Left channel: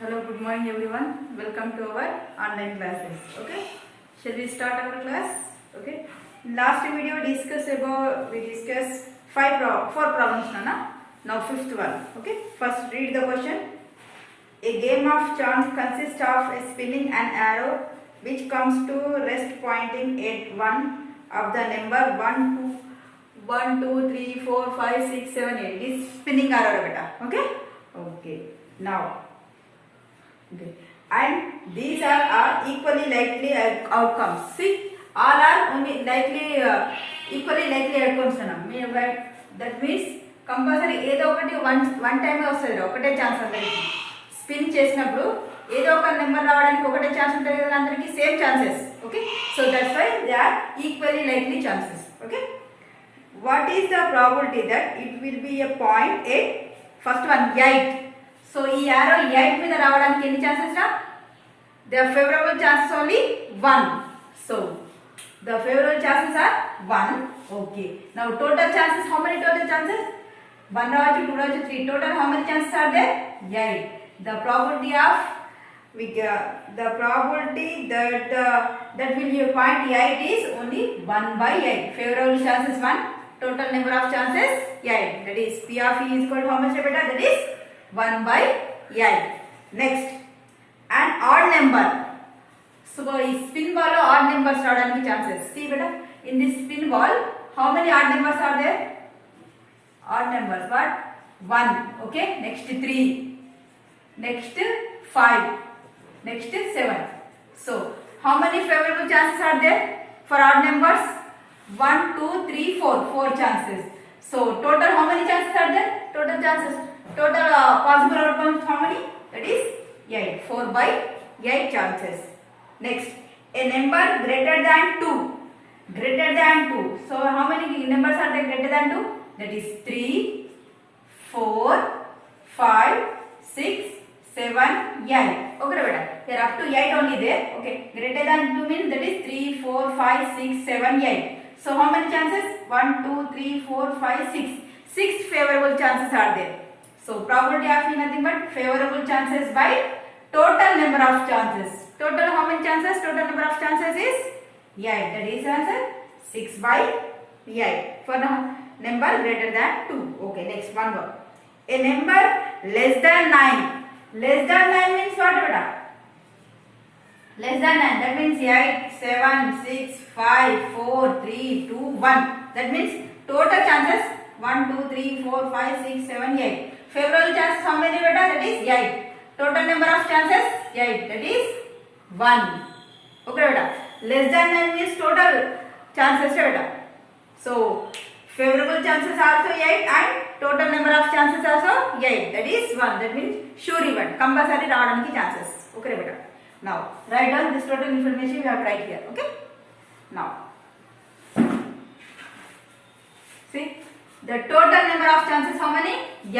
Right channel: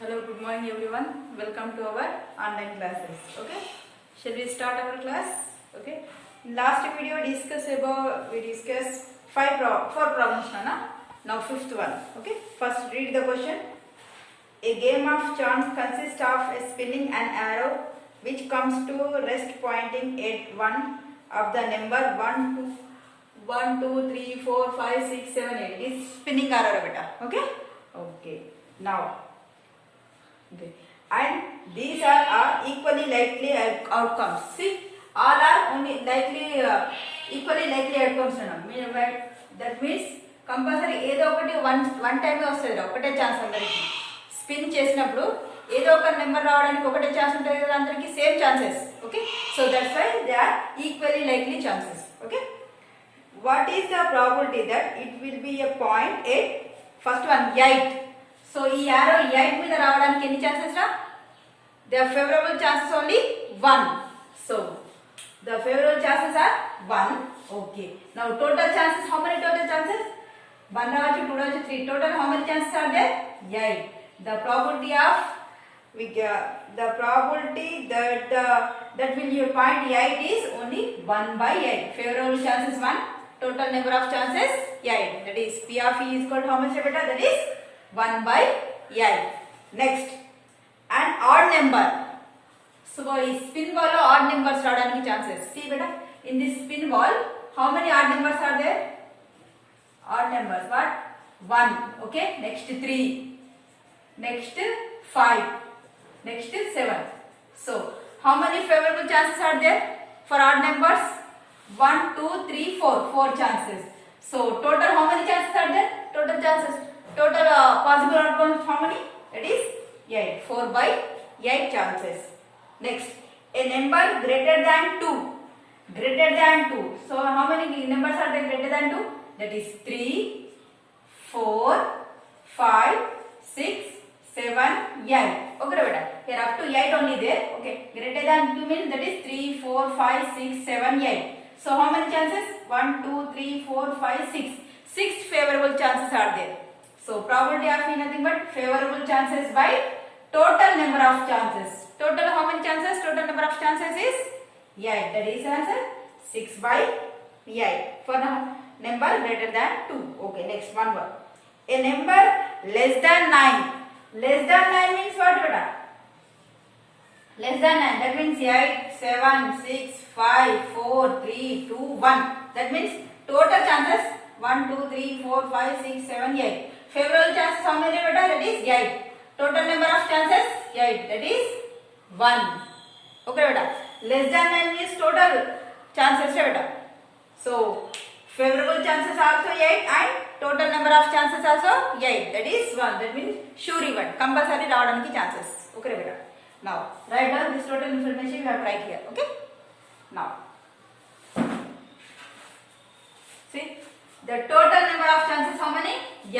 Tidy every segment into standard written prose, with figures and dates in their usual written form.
Hello, good morning everyone. Welcome to our online classes. Okay, shall we start our class? Okay. Last video we discussed four problems, Nana. Now fifth one. Okay. First read the question. A game of chance consists of a spinning an arrow which comes to rest pointing at one of the number 1, 2, 3, 4, 5, 6, 7, 8. It is spinning arrow beta. Okay. Okay. Now. Okay. And these are equally likely outcomes. See, all are only likely equally likely outcomes. That means compulsory ఏదో ఒకటి one టైమే వస్తుంది, ఒకటే chance అందరికి. Spin చేసినప్పుడు ఏదో ఒక number రావడానికి ఒకటే ఛాన్స్ ఉంటుంది కదా, అందరికి same chances. Okay, so that's why they are equally likely chances. Okay, what is the probability that it will be a point at first one 8. So ఈ యారో 8 మీద రావడానికి ఎన్ని ఛాన్సెస్ రా? The favourable chances only 1. So the favourable chances are 1. Okay, now total chances, how many total chances? 1 రావచ్చు, 2 రావచ్చు, 3. Total how many chances are there? 8. The probability that will be point 8 is only 1 by 8. Favorable chances 1, total number of chances 8. That is P of E is equal to how much beta? That is 1 by 8. Next, an odd number. So in spin ball odd numbers రావడానికి chances. See beta, in this spin ball how many odd numbers are there? Odd numbers what? 1. Okay, next 3, next 5, next 7. So how many favorable chances are there for odd numbers? 1, 2, 3, 4. 4 chances. So total how many chances are there? Total chances, total possible outcomes how many? That is 8. 4 by 8 chances. Next, a number greater than 2. Greater than 2. So how many numbers are there greater than 2? That is 3, 4, 5, 6, 7, 8. Okay beta, here up to 8 only there. Okay, greater than 2 means that is 3, 4, 5, 6, 7, 8. So how many chances? 1, 2, 3, 4, 5, 6. 6 favorable chances are there. So probability of E nothing but favorable chances by total number of chances. Total how many chances? Total number of chances is 8. That is answer 6 by 8 for the number greater than 2. Okay, next one more. A number less than 9. Less than 9 means what beta? Less than 9, that means 8, 7, 6, 5, 4, 3, 2, 1. That means total chances 1, 2, 3, 4, 5, 6, 7, 8. Favorable chances how many beta? That is 8. Total number of chances 8. That is 1. Okay beta. Less than 9 means total chances beta. So favorable chances also 8 and total number of chances also 8. That is 1. That means sure event. Compulsory రావడానికి chances. Okay beta. Now write down this total information you have to write here. Okay. Now see the total number of chances how many? 8.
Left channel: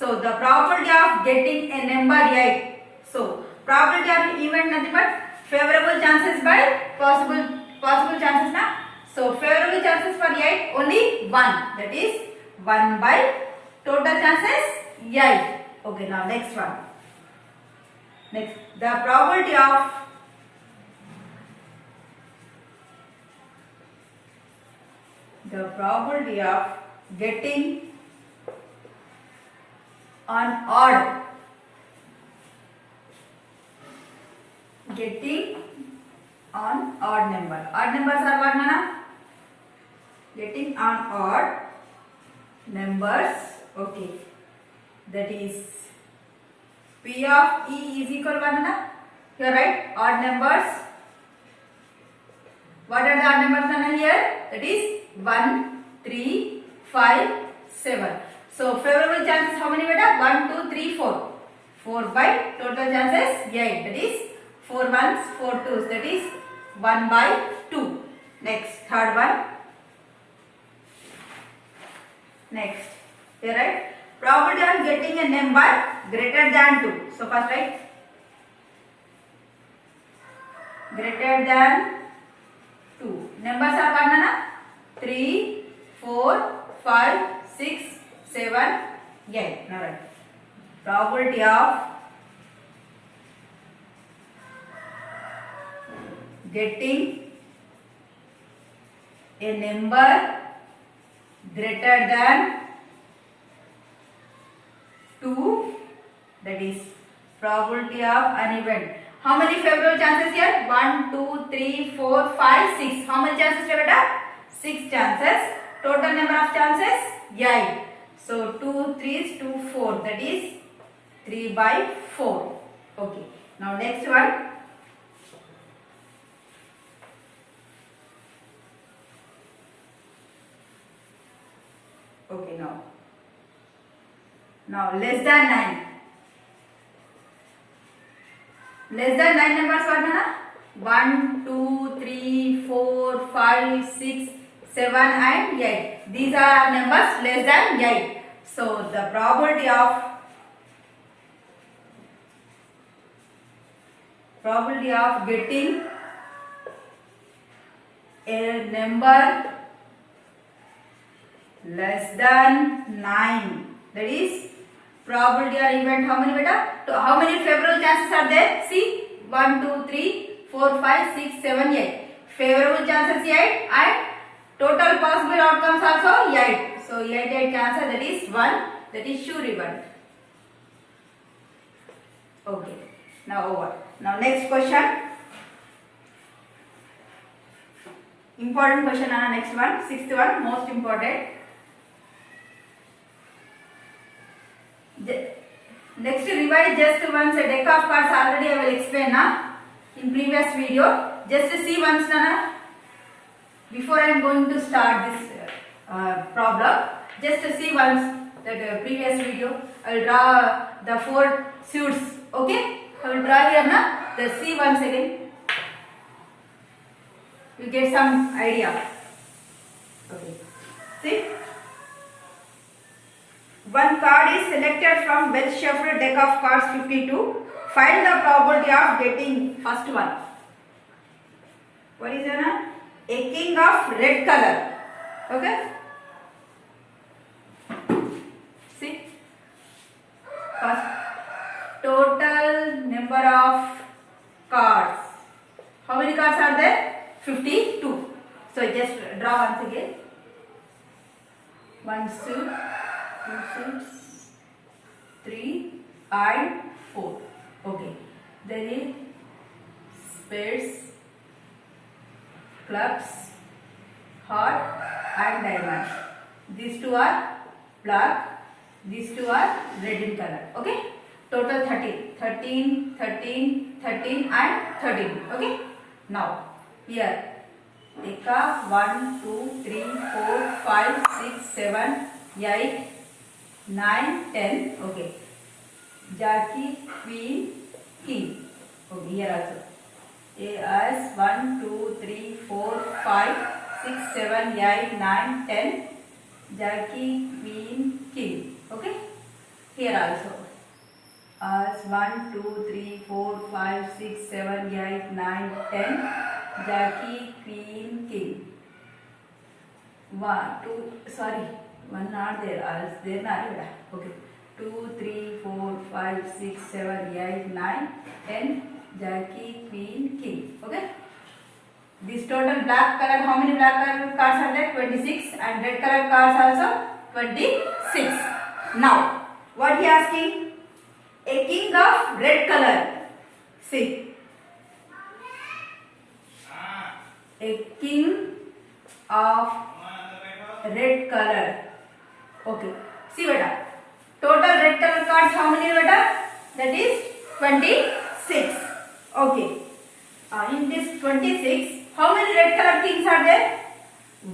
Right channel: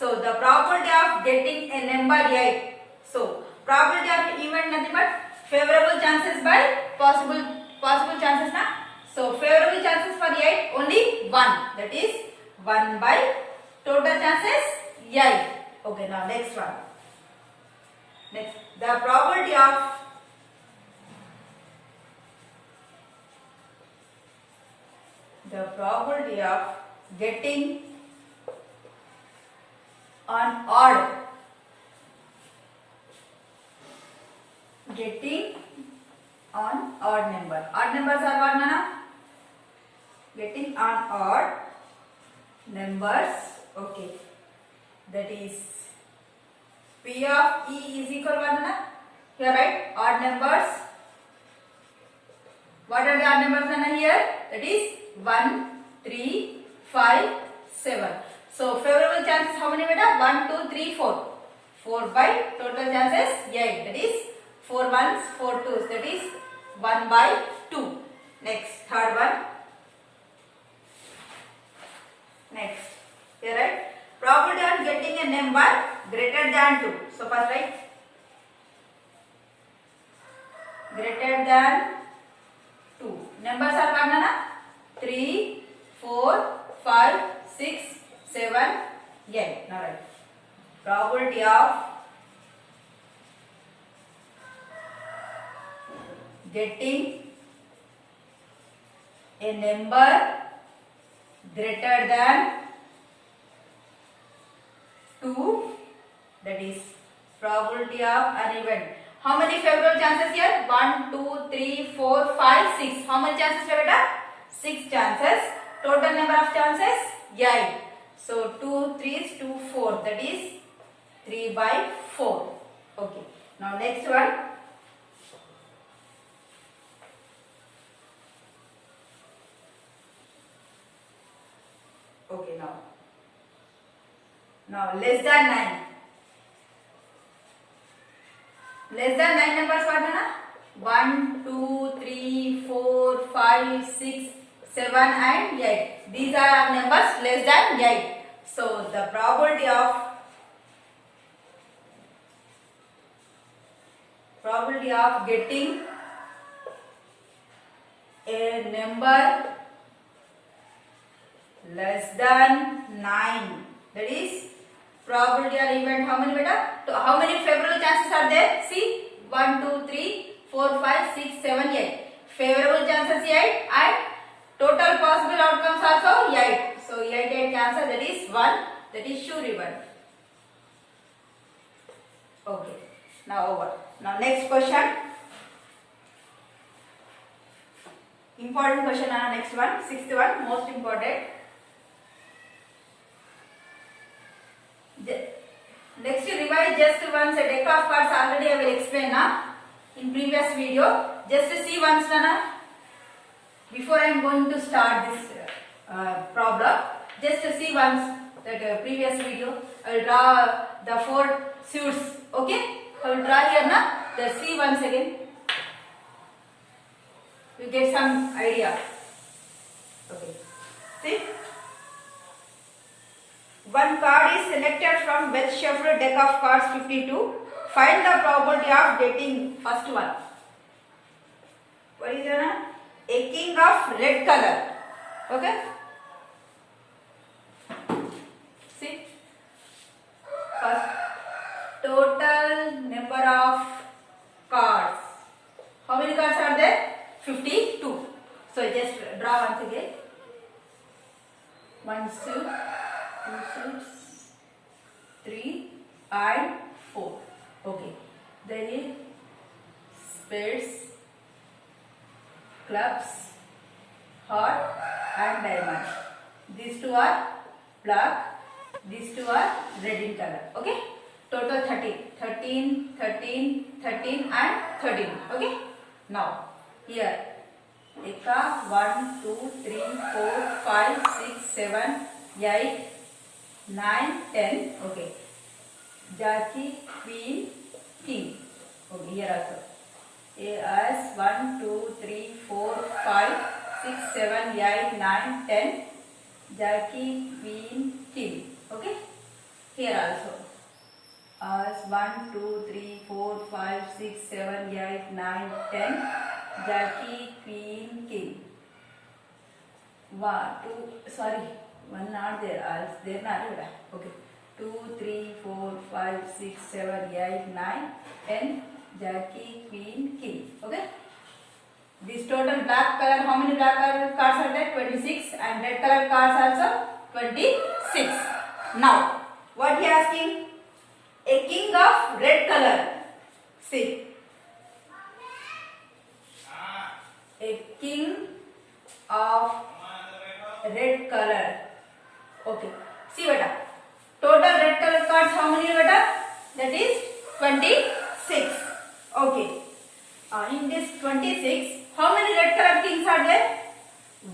So the probability of getting a number 8. So probability of event nothing but favorable chances by possible chances na. So favorable chances for 8 only 1. That is 1 by total chances 8. Okay, now next one. Next, the probability of getting an odd number. Odd numbers are what nana? Getting on odd numbers. Okay, that is P of E is equal to 1 nana. Here right, odd numbers. What are the odd numbers nana here? That is 1, 3, 5, 7. So favorable chances how many beta? 1, 2, 3, 4. 4 by total chances 8. That is 4 ones, 4 twos. That is 1 by 2. Next, third one. Next, here right, probability of getting a number greater than 2. So first write greater than 2. Numbers are what nana? 3, 4, 5, 6, 7, 8. Now write probability of getting a number greater than 2, that is probability of an event. How many favorable chances here? 1, 2, 3, 4, 5, 6. How many chances here beta? 6 chances. Total number of chances? 8. So 2 3s 2 4, that is 3 by 4. Okay. Now next one. Okay, now less than 9. Less than 9 numbers what na? 1, 2, 3, 4, 5, 6, 7 and 8. These are numbers less than 8. So the probability of getting a number less than 9, that is probability or event, how many beta? So how many favorable chances are there? See, 1, 2, 3, 4, 5, 6, 7, 8. Favorable chances 8 and total possible outcomes also 8. So 8 chances, that is 1, that is sure event. Okay, now over. Now next question. Important question on next one, sixth one, most important. Next revise just once a deck of cards, already I will explain in previous video. Just see once before I am going to start this problem. Just see once that previous video. I will draw the 4 suits. Okay, I will draw here Just see once again. You get some idea. Okay, see. One card is selected from well shuffled deck of cards 52. Find the probability of getting first one. What is it? A king of red color. Okay. See. First, total number of cards. How many cards are there? 52. So just draw once again. One suit. 2 suits, 3 and 4. Okay. There is spades, clubs, heart and diamond. These two are black. These two are red in color. Okay. Total 13. 13, 13, 13 and 13. Okay. Now here. Eka 1, 2, 3, 4, 5, 6, 7, 8. 9, 10, okay. Jackie, Queen, King. Okay, here also. As 1, 2, 3, 4, 5, 6, 7, 8, 9, 10. Jackie, Queen, King. Okay. Here also. As 1, 2, 3, 4, 5, 6, 7, 8, 9, 10. Jackie, Queen, King. 1, 2, sorry. One not there, else there not here. Okay. 2, 3, 4, 5, 6, 7, 8, 9, 10. Jackie, Queen, King. Okay. This total black color, how many black color cards are there? 26. And red color cards also 26. Now, what he asking? A king of red color. See. A king of red color. Okay. See beta. Total red color cards how many beta? That is 26. Okay. In this 26, how many red color kings are there?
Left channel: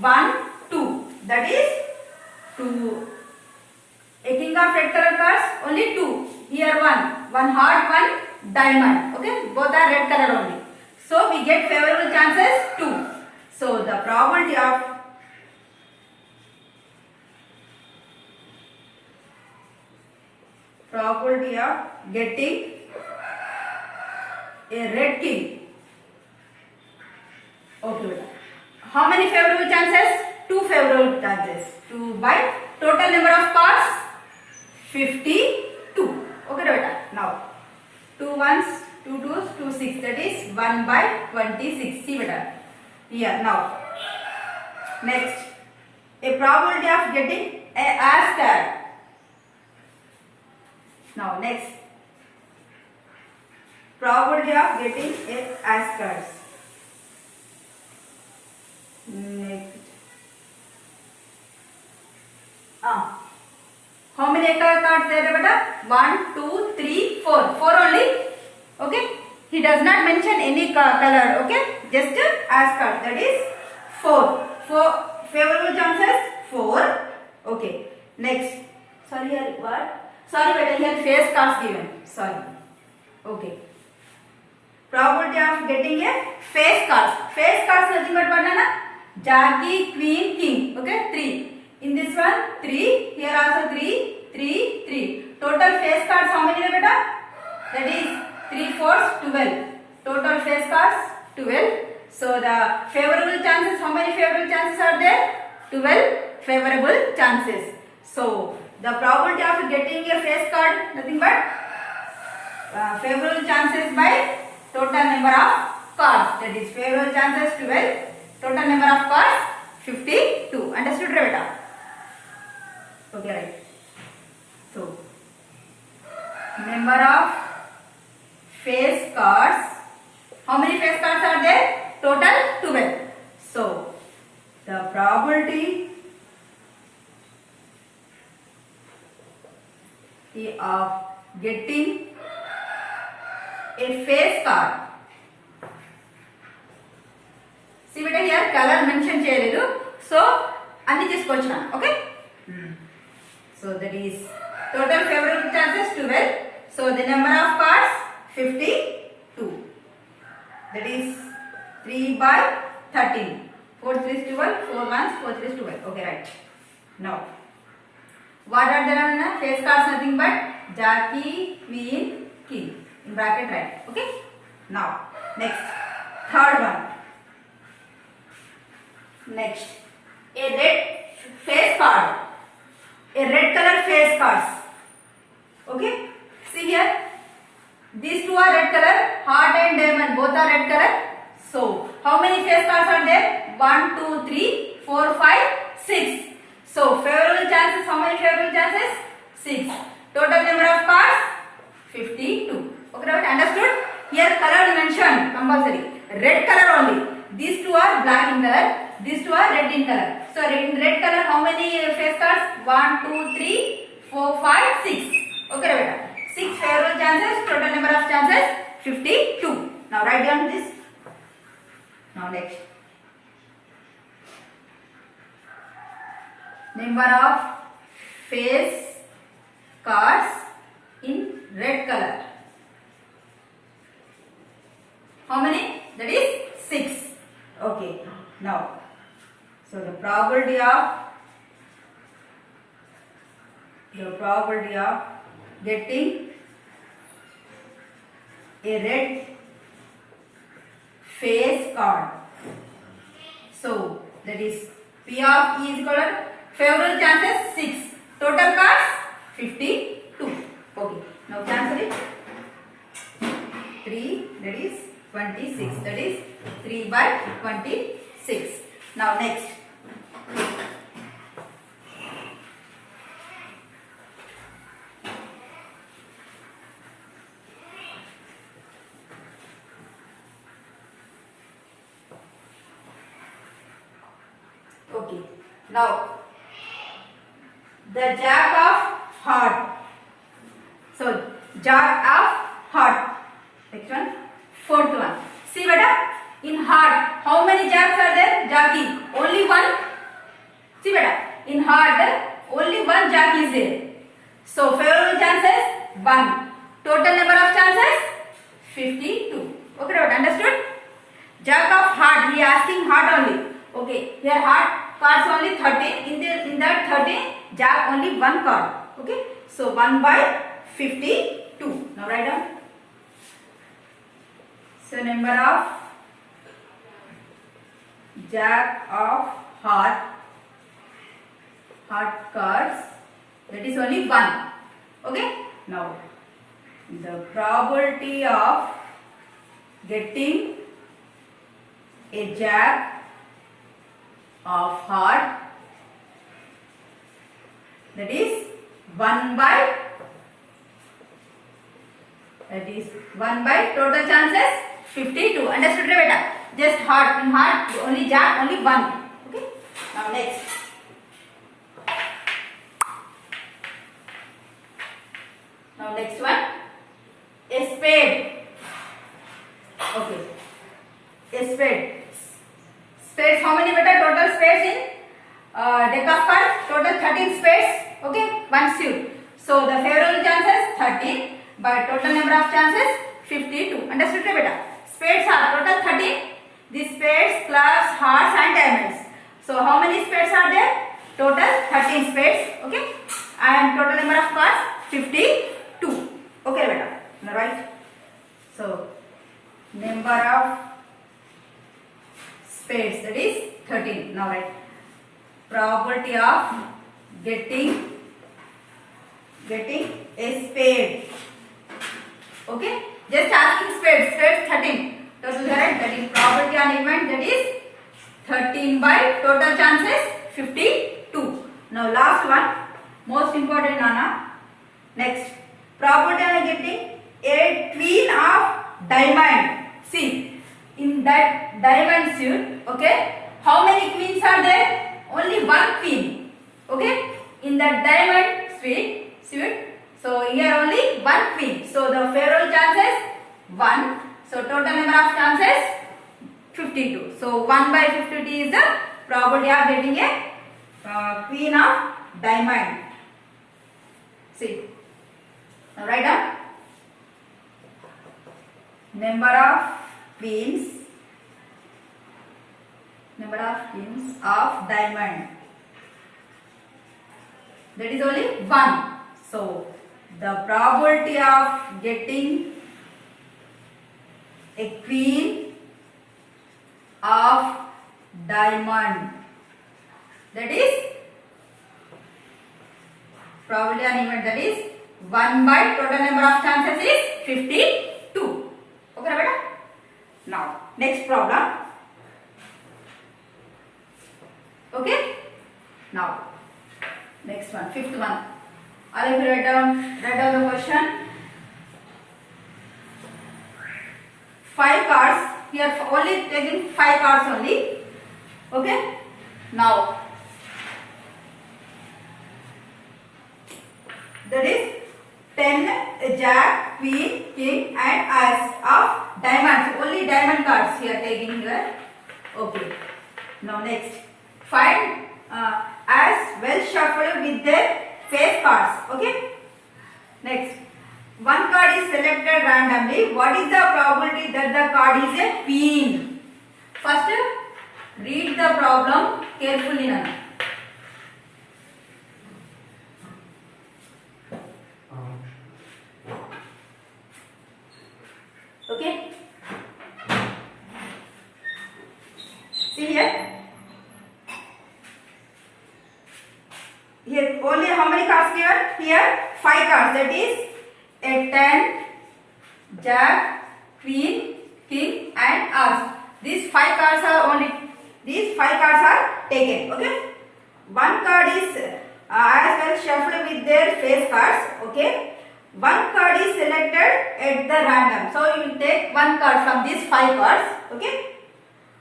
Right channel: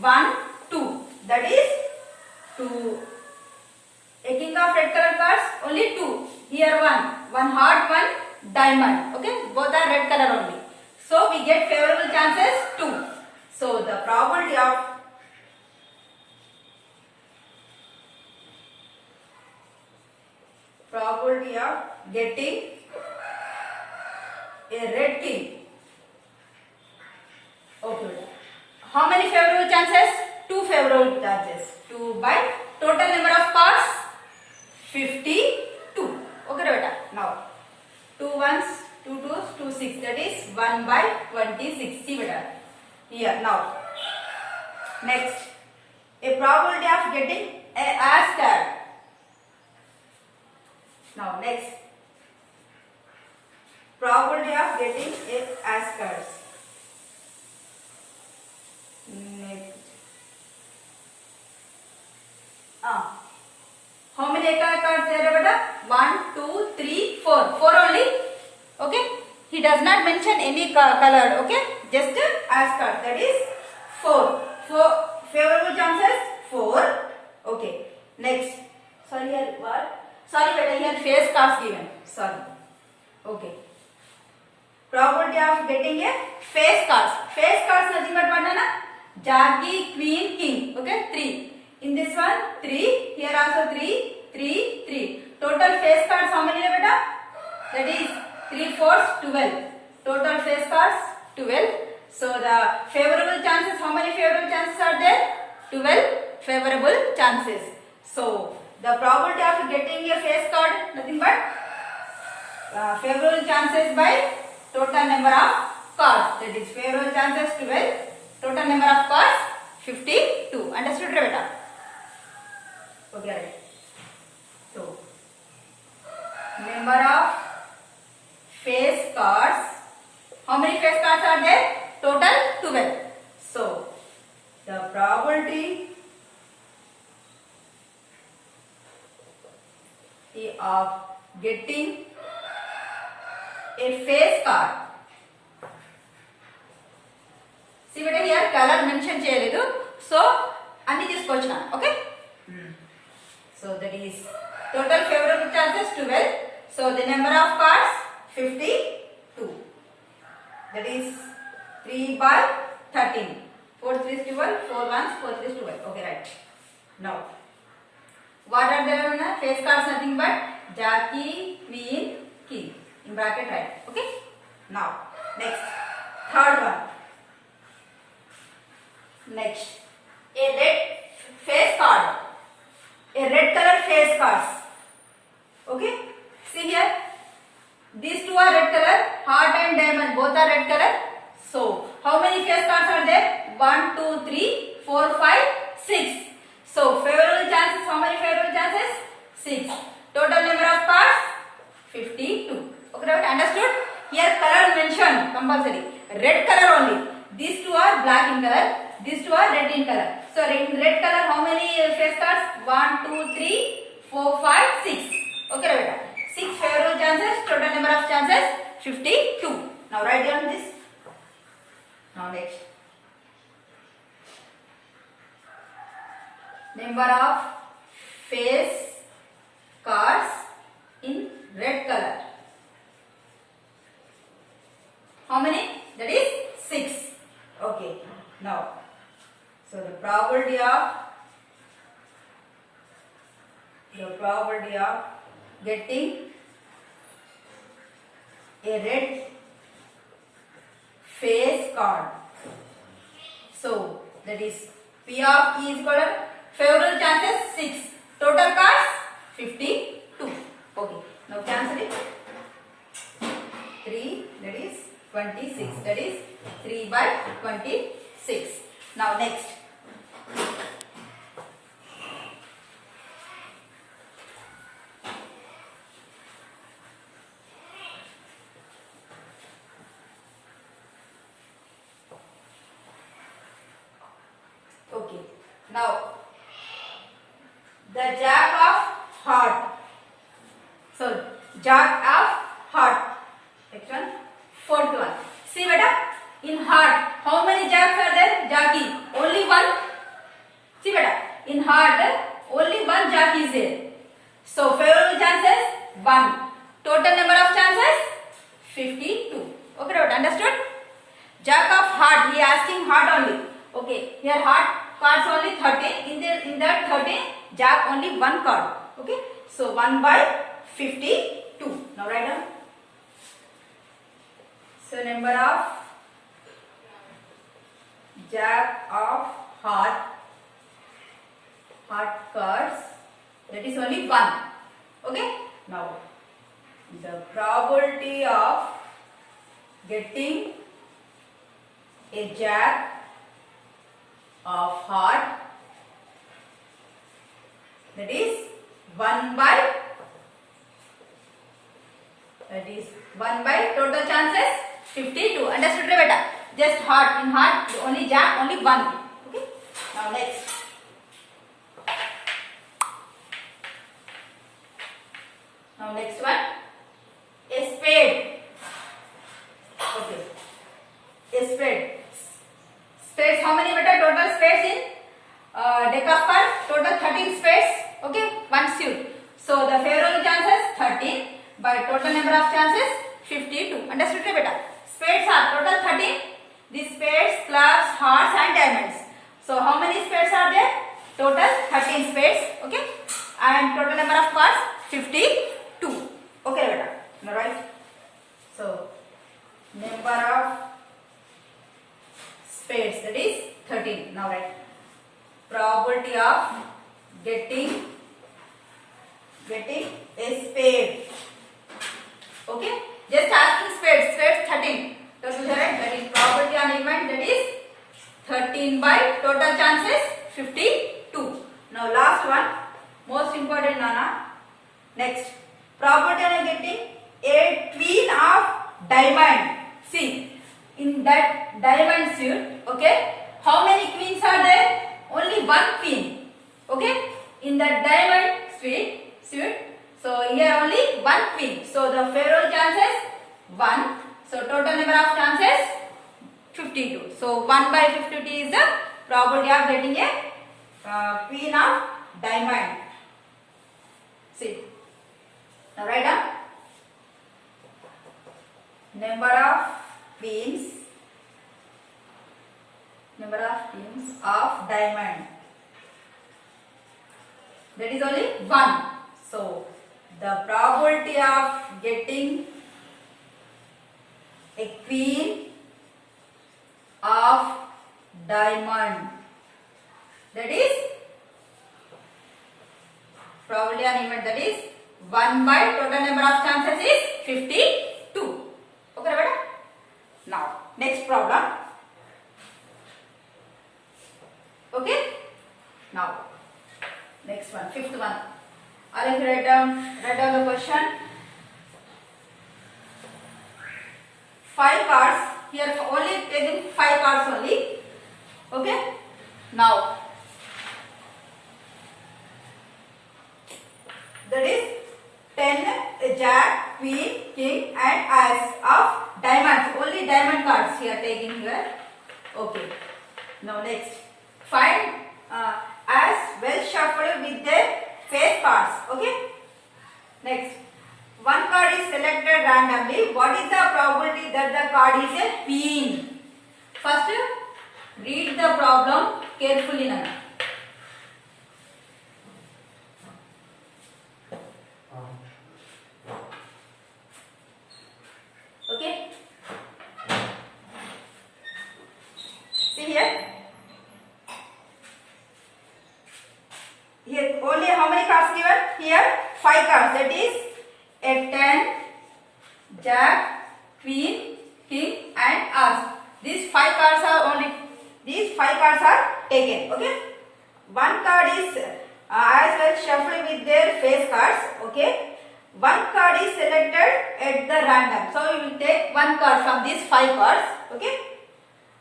1, 2. That is 2. A king of red color cards only 2. Here 1. One heart, one diamond. Okay. Both are red color only. So we get favorable chances 2. So the probability of getting a red king. Okay. How many favorable chances? 2 favorable chances. 2 by total number of cards 52. Okay, beta. Now 2 ones 2 2s 2 6. That is 1 by 26. See better. Here now. Next, a probability of getting a as card. Now next, probability of getting a as cards. Next, how many cards there, beta? 1, 2, 3, 4. 4 only. Okay. He does not mention any color. Okay. Just as card. That is 4. 4 favorable chances. 4. Okay. Next. Sorry here what? Sorry beta, here face cards given. Sorry. Okay. Probability of getting a face cards. Face cards nothing but what na? Jockey, queen, king. Okay. 3. In this one 3. Here also 3. 3. 3. Total face cards how many beta? That is 3 4s 12. Total face cards 12. So the favorable chances, how many favorable chances are there? 12 favorable chances. So the probability of getting a face card nothing but favorable chances by total number of cards. That is favorable chances 12. Total number of cards 52. Understood beta? Okay, right. So number of face cards. How many face cards are there? Total 12. So the probability of getting a face card. See beta, here color mention cheyaledu. So anni teesukochana. Okay. So that is total favorable chances 12. So the number of cards 52. That is 3 by 13. 4 3 is 12. 4 1s 4 3 is 12. Okay, right. Now, what are the face cards? Nothing but jockey, queen, king. In bracket, right. Okay. Now, next, third one. Next, a red face card. A red color face cards. Okay. See here. These two are red color. Heart and diamond both are red color. So how many face cards are there? 1, 2, 3, 4, 5, 6. So favorable chances. How many favorable chances? 6. Total number of cards 52. Okay, right? Understood? Here color mentioned compulsory. Red color only. These two are black in color. These two are red in color. So in red color, how many face cards? 1, 2, 3, 4, 5, 6. Okay, right? 6 favorable chances. Total number of chances 52. Now write down this. Now next. Number of face cards in red color. How many? That is 6. Okay. Now, so the probability of getting a red face card. So that is P of E is equal to favorable chances 6. Total cards 52. Okay. Now cancel it. 3 that is 26. That is 3 by 26. Now next. Okay. Now the jack of heart. So jack of heart. Next one. Fourth one. See beta. In heart, how many jacks are there? Jockey. Only one. See beta. In heart, only one jack is there. So favorable chances 1. Total number of chances 52. Okay, right? Understood? Jack of heart. He asking heart only. Okay. Here heart cards only 13. In that 13, jack only one card. Okay. So 1 by 52. Now write down. So number of jack of heart cards, that is only 1. Okay. Now the probability of getting a jack of heart, that is 1 by, total chances 52. Understood beta? Just heart, in heart only jack, only 1. Okay. Now next. Now next one, a spade. Okay. A spade. Spades, how many beta? Total spades in deck of cards, total 13 spades. Okay, one suit. So the favorable chances 13 by total number of chances 52. Understood beta? Spades are total 13. These spades, clubs, hearts and diamonds. So how many spades are there? Total 13 spades. Okay, and total number of cards 52. Okay beta, right? So number of spades, that is 13. Now write probability of getting a spade. Okay, just asking spades 13. Total correct, that is probability on event, that is 13 by total chances 52. Now last one, most important Nana. Next, probability of getting a queen of diamond. See, in that diamond suit, okay, how many queens are there? Only one queen. Okay, in that diamond suit. So here only one queen. So the favorable chances 1. So total number of chances 52. So 1 by 52 is the probability of getting a queen of diamond. See, now write down number of queens of diamond, that is only 1. So the probability of getting a queen of diamond, that is probability on event, that is 1 by total number of chances is 52. Okay beta? Now next problem. Okay, now next one, fifth one. I'll write down the question. 5 cards here, only taking 5 cards only. Okay, now that is 10 jack, queen, king and ace of diamonds. Only diamond cards here taking here. Okay, now next, find as well shuffled with their face cards. Okay, next, one card is selected randomly. What is the probability that the card is a queen? First, read the problem carefully now. Okay, see here. Here only how many cards given? Here 5 cards, that is a 10, jack, queen, king and ace. These 5 cards are taken. Okay, one card is as well shuffled with their face cards. Okay, one card is selected at the random. So you will take one card from these 5 cards. Okay,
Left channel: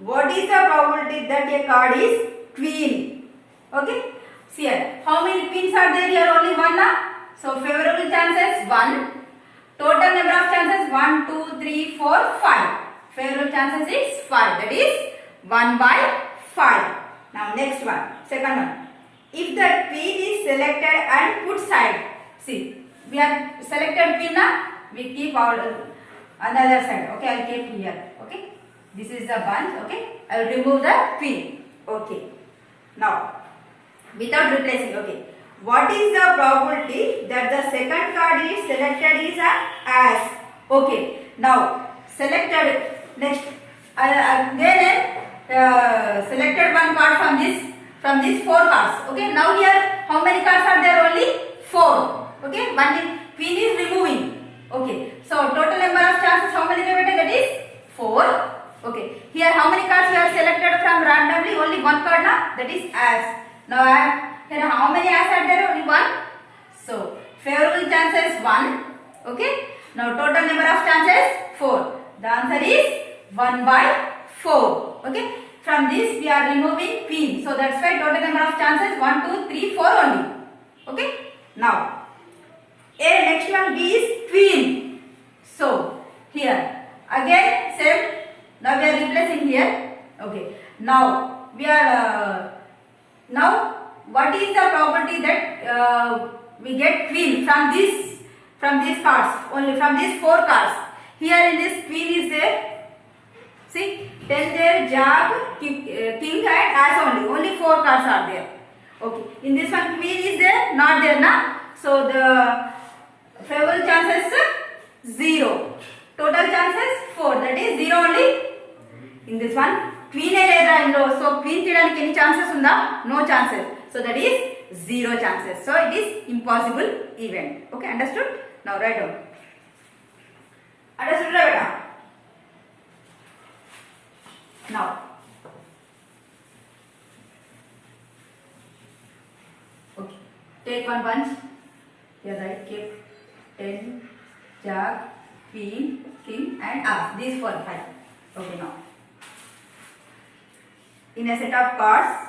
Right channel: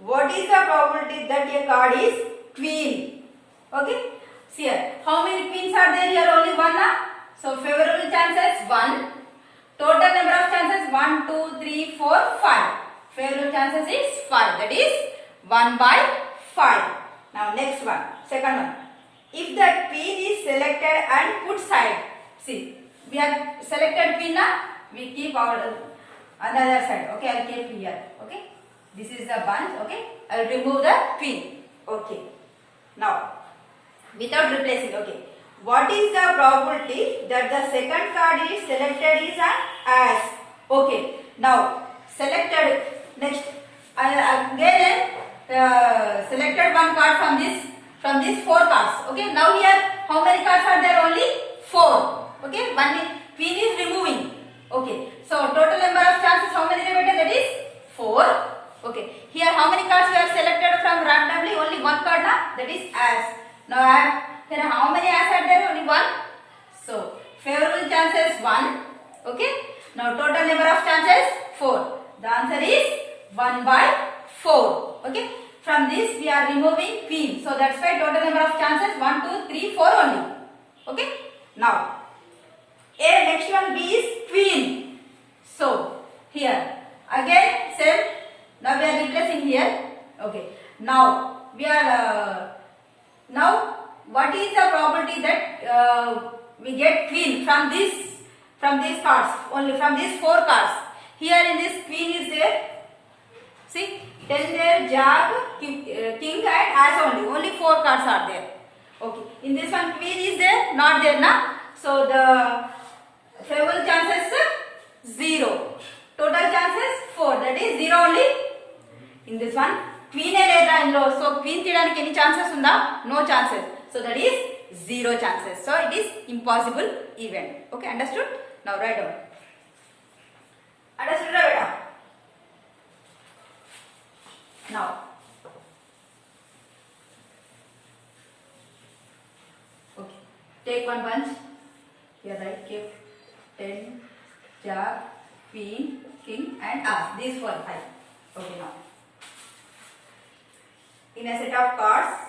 what is the probability that a card is queen? Okay, see here, how many queens are there here? Only one now. So favorable chances 1. Total number of chances 1, 2, 3, 4, 5. Favorable chances is 5. That is 1 by 5. Now next one, second one. If the queen is selected and put side. See, we have selected queen now. We keep our another side. Okay, I will keep here. Okay, this is the bunch. Okay, I will remove the queen. Okay, now without replacing. Okay, what is the probability that the second card is selected is an ace? Okay, now selected. Next, again selected one card from these 4 cards. Okay, now here how many cards are there? Only 4. Okay, one queen is removing. Okay, so total number of chances how many remaining? That is 4. Okay. Here how many cards we have selected from randomly? Only one card na? That is as. Now here how many as are there? Only one. So favorable chances 1. Okay. Now total number of chances 4. The answer is 1 by 4. Okay. From this we are removing queen. So that's why total number of chances 1, 2, 3, 4 only. Okay. Now next one is queen. So here again same. Now we are replacing here. Okay. Now we are now what is the probability that we get queen from these cards, only from these 4 cards. Here in this queen is there. See, 10 there, jack, king and as only 4 cards are there. Okay. In this one queen is there, not there na. So the favorable chances 0. Total chances 4. That is 0 only. In this one queen leda inlo. So queen cheyడానికి any chances unda? No chances. So that is 0 chances. So it is impossible event. Okay, understood? Now write down. Understood beta? Now okay, take one punch. Here write keep 10, jack, queen, king and as. These 4, 5. Okay, now in a set of cards,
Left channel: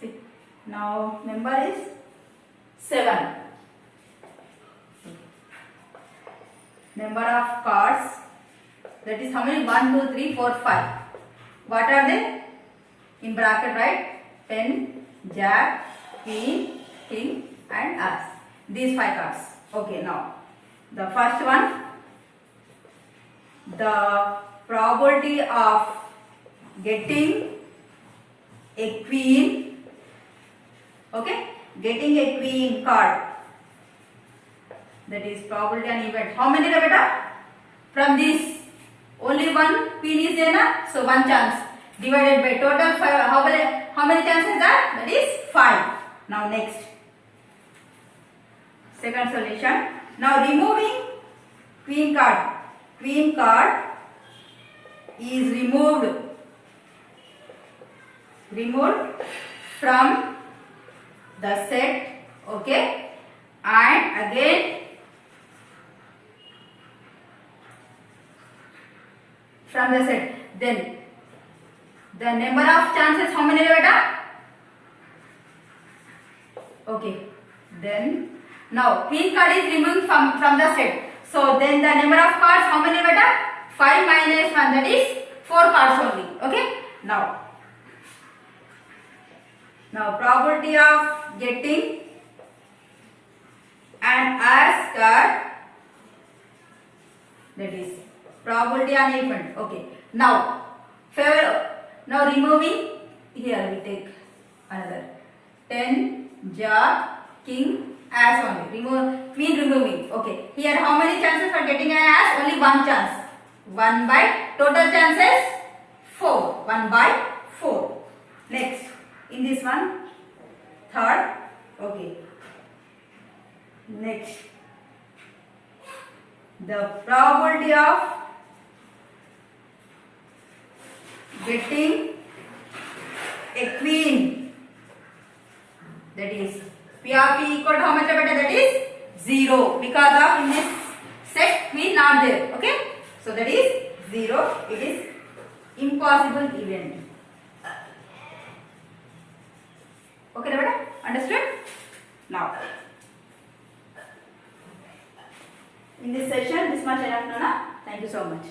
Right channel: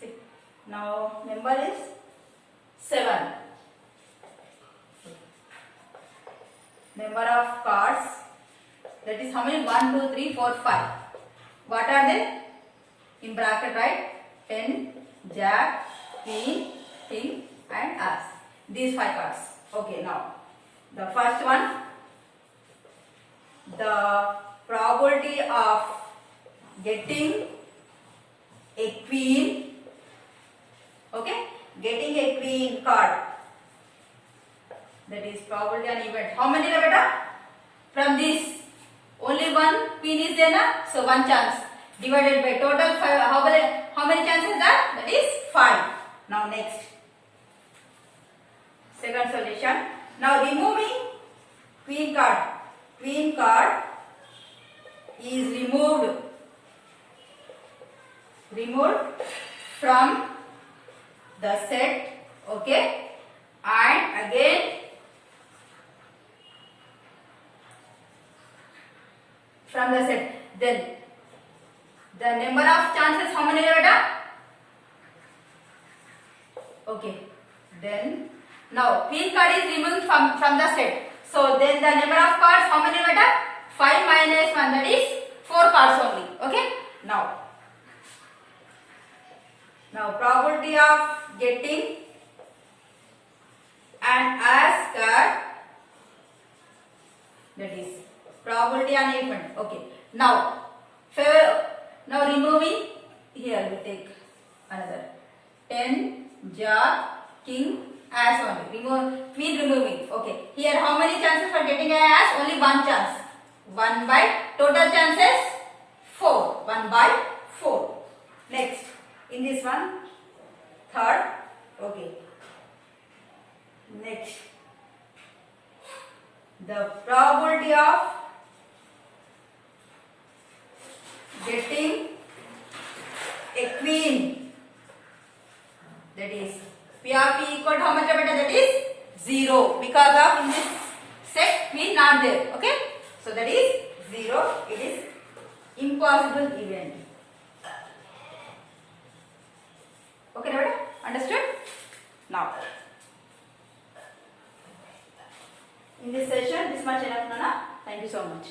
see, now number is 7. Number of cards, that is how many? 1, 2, 3, 4, 5. What are they? In bracket write 10, jack, queen, king and as. These 5 cards. Okay, now the first one, the probability of getting a queen, okay, getting a queen card, that is probability and event. How many beta? From this only one queen is there na? So 1 chance divided by total 5. How many chances that? That is 5. Now next, second solution. Now removing queen card. Queen card is removed from the set. Okay, and again from the set. Then the number of chances, how many beta? Okay, then now queen card is removed from the set. So then the number of cards, how many beta? 5 minus 1, that is 4 cards only. Okay, now probability of getting an as card, that is probability on event. Okay, now removing, here we take another 10, jack, king, as only. Remove queen removing. Okay, here how many chances for getting an as? Only 1 chance. 1 by total chances 4. 1 by 4. Next, in this one, third. Okay, next, the probability of getting a queen, that is P of P equal to how much beta? That is 0, because of in this set queen not there. Okay, so that is 0. It is impossible event. Okay beta, understood? Now in this session this much enough, Nona. Thank you so much.